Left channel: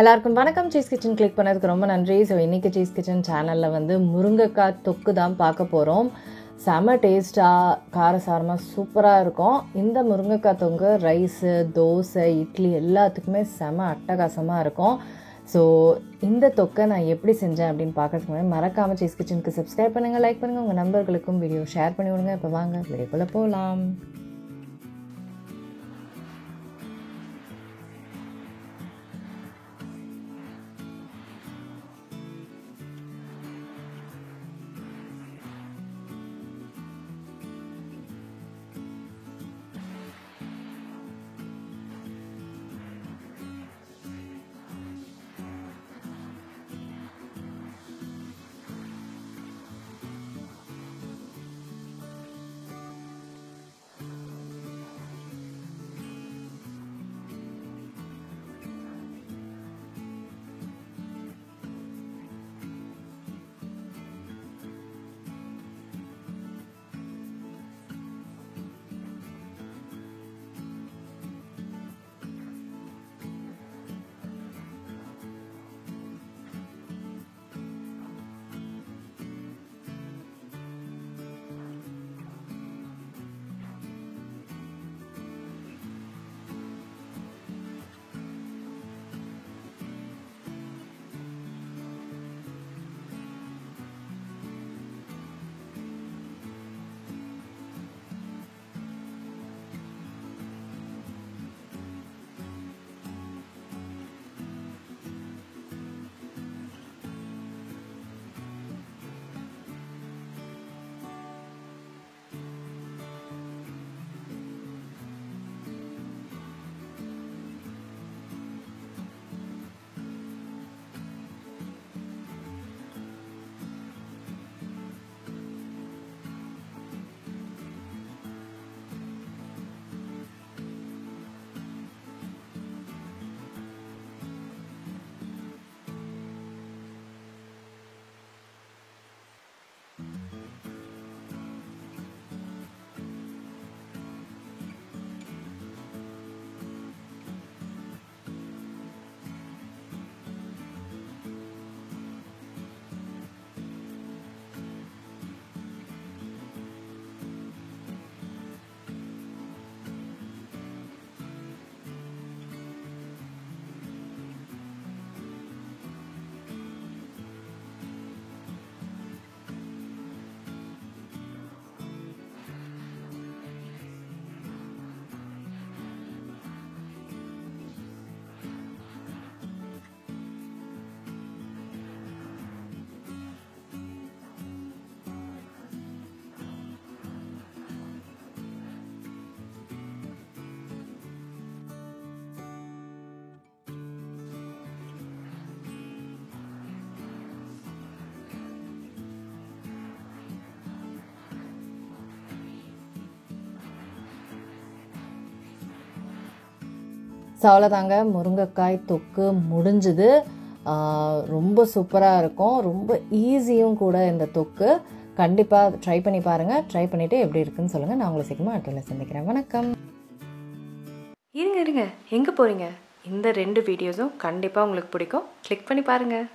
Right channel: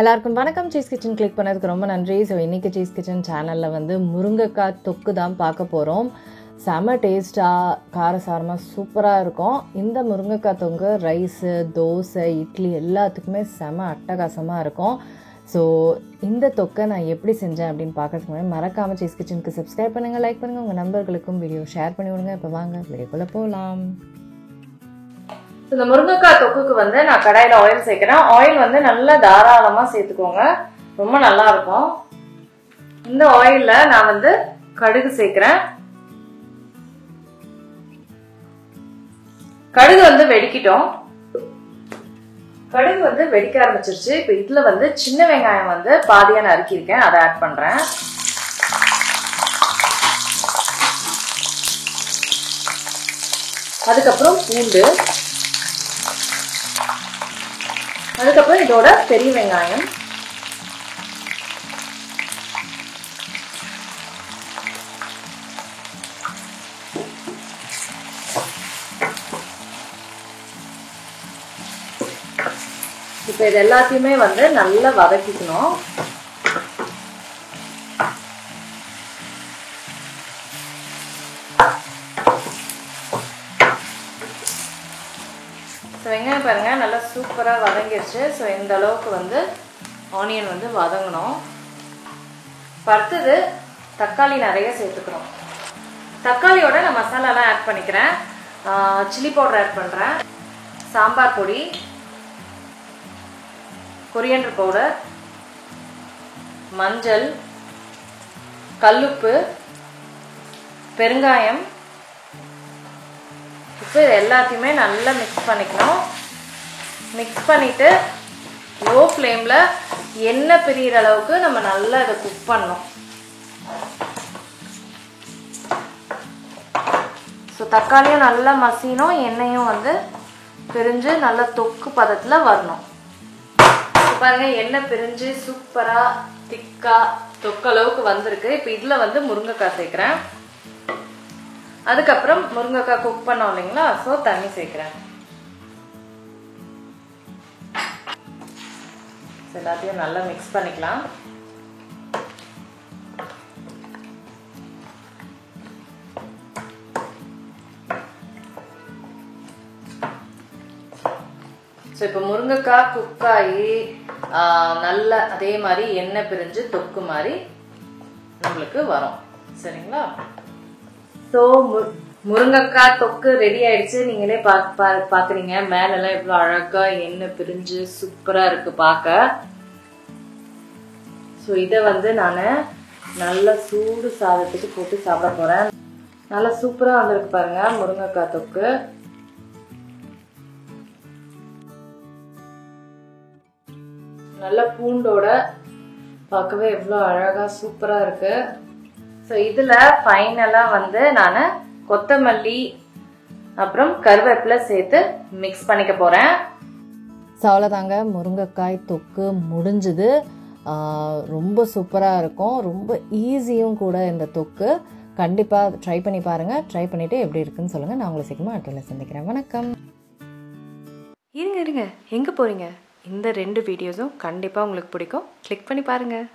எல்லாருக்கும் வணக்கம். Cheese kitchen click பண்ணதுக்கு ரொம்ப நன்றி. ஸோ இன்றைக்கி சீஸ் கிச்சன் சேனலில் வந்து முருங்கைக்காய் தொக்கு தான் பார்க்க போகிறோம். செம டேஸ்ட்டாக காரசாரமாக சூப்பராக இருக்கும். இந்த முருங்கைக்காய் தொக்கு ரைஸு, தோசை, இட்லி எல்லாத்துக்குமே செம அட்டகாசமாக இருக்கும். ஸோ இந்த தொக்கை நான் எப்படி செஞ்சேன் அப்படின்னு பார்க்கறதுக்கு முன்னாடி மறக்காமல் சீஸ் கிச்சனுக்கு சப்ஸ்கிரைப் பண்ணுங்கள், லைக் பண்ணுங்கள், உங்கள் நண்பர்களுக்கும் வீடியோ ஷேர் பண்ணி விடுங்க. இப்போ வாங்க வீடியோக்குள்ளே போகலாம். இந்த முருங்கைக்காய் தொக்குக்கு வந்து நான் கடாயில் ஆயில் சேர்க்கிறேன். ஆயில் வந்து நல்லா தாராளமாக சேர்த்துக்கோங்க, ரொம்ப நல்லா இருக்கும். இந்த ஆயிலில் நான் வந்து கடுகு சேர்க்கிறேன். கடுகு வந்து வெடிக்கிட்டோம். கடுகு வந்து வெடிக்க ஆரம்பிச்சிருச்சு. இப்போ இதில் வந்து சின்ன வெங்காயம் வந்து பாதியாக நறுக்கியிருக்கேன், அதை ஆட் பண்ணுறேன். அதுக்கப்புறம் பூண்டு, அதுக்கப்புறம் இதோட பெரிய வெங்காயம், இப்போ இது எல்லாத்தையுமே வந்து நல்லா வதக்கிக்கணும். வெங்காயம் பாருங்க நல்லா சூப்பராக வதங்கிடுச்சு. ஸோ இந்த அளவுக்கு வந்து ஆனியன் வந்து வதங்கணும். அடுத்தது தக்காளி நிறைய சேர்த்துக்கணும். தக்காளியோட நான் மசாலாலாம் ஆட் பண்ணிக்கிறேன். சில்லி பவுடர் ஆட் பண்ணுறேன், சாம்பார் பொடி, கொரியண்டர் பவுடர், மஞ்சள், கல்லுப்பு, பெருங்காயம். இப்போ இது எல்லாத்தையுமே நல்லா மிக்ஸ் பண்ணிக்கணும். மிக்ஸ் பண்ணிவிட்டு லோ ஃப்ளேமில் எண்ணெய் பிரிகிற அளவுக்கு நம்ம நல்லா இதை குக் பண்ணணும். ஸோ தக்காளியும் நல்லா மசியணும், எண்ணெயும் வந்து பிரிஞ்சு நல்லா தொக்கு பதத்தில் வரணும். பாருங்க எண்ணெய் பிரிஞ்சு சூப்பராக திக்காக தொக்கு அளவுக்கு வந்திருக்கு. இப்போ இதில் வந்து முருங்கைக்காய் சேர்க்குறேன். அதுக்கப்புறம் முருங்கைக்காய் குக் பண்ணோம் இல்லைங்களா, ஸோ தண்ணி சேர்க்குறேன். எல்லாத்தையும் நல்லா மிக்ஸ் பண்ணிக்கலாம். ஸோ இப்போ முருங்கைக்காய் குக்காயி நல்லா அதே மாதிரி எண்ணெய் பிரிஞ்சு தொக்கு மாதிரி நம்மளுக்கு வரும். சரிங்களா? ஸோ முருங்கைக்காய் தொக்கு ரெடி ஆயிடுச்சு. நீங்களே பார்க்குறீங்க மேலெல்லாம் எவ்வளோ அழகாக எண்ணெய் பிரிஞ்சு சூப்பராக இருக்குது பார்க்க. ஸோ இதை வந்து நான் நல்லா சூடு சாதத்துக்கு போட்டு சாப்பிட போகிறேன். நல்லா சூப்பராக வந்திருக்கு பாருங்க முருங்கைக்காய் தொக்கு. நல்ல பூண்டோட பார்க்கவே எவ்வளோ அழகாக சூப்பராக இருக்கு. ஸோ இதில் ஃபைனலாக வந்து நான் கொத்தமல்லி அப்புறம் கருவேப்பிலை சேர்த்து மிக்ஸ் பண்ணிக்க போகிறேன். ஸோ அவ்வளோதாங்க, முருங்கைக்காய் தொக்கு முடிஞ்சுது. ரொம்ப சூப்பராக இருக்கும், ரொம்ப ஈஸியும் கூட இந்த தொக்கு. கண்டிப்பாக ட்ரை பண்ணி பாருங்கள். ட்ரை பண்ணிவிட்டு எப்படி இருக்குன்னு சொல்லுங்கள். நான் உங்களை சீக்கிரமாக அடுத்த சந்திக்கிறேன். வணக்கம். இருங்க எங்கே போகிறீங்க? இந்த 2 வீடியோஸும் கண்டிப்பாக உங்களுக்கு பிடிக்கும். கிளிக் பண்ணி பாருங்கள்.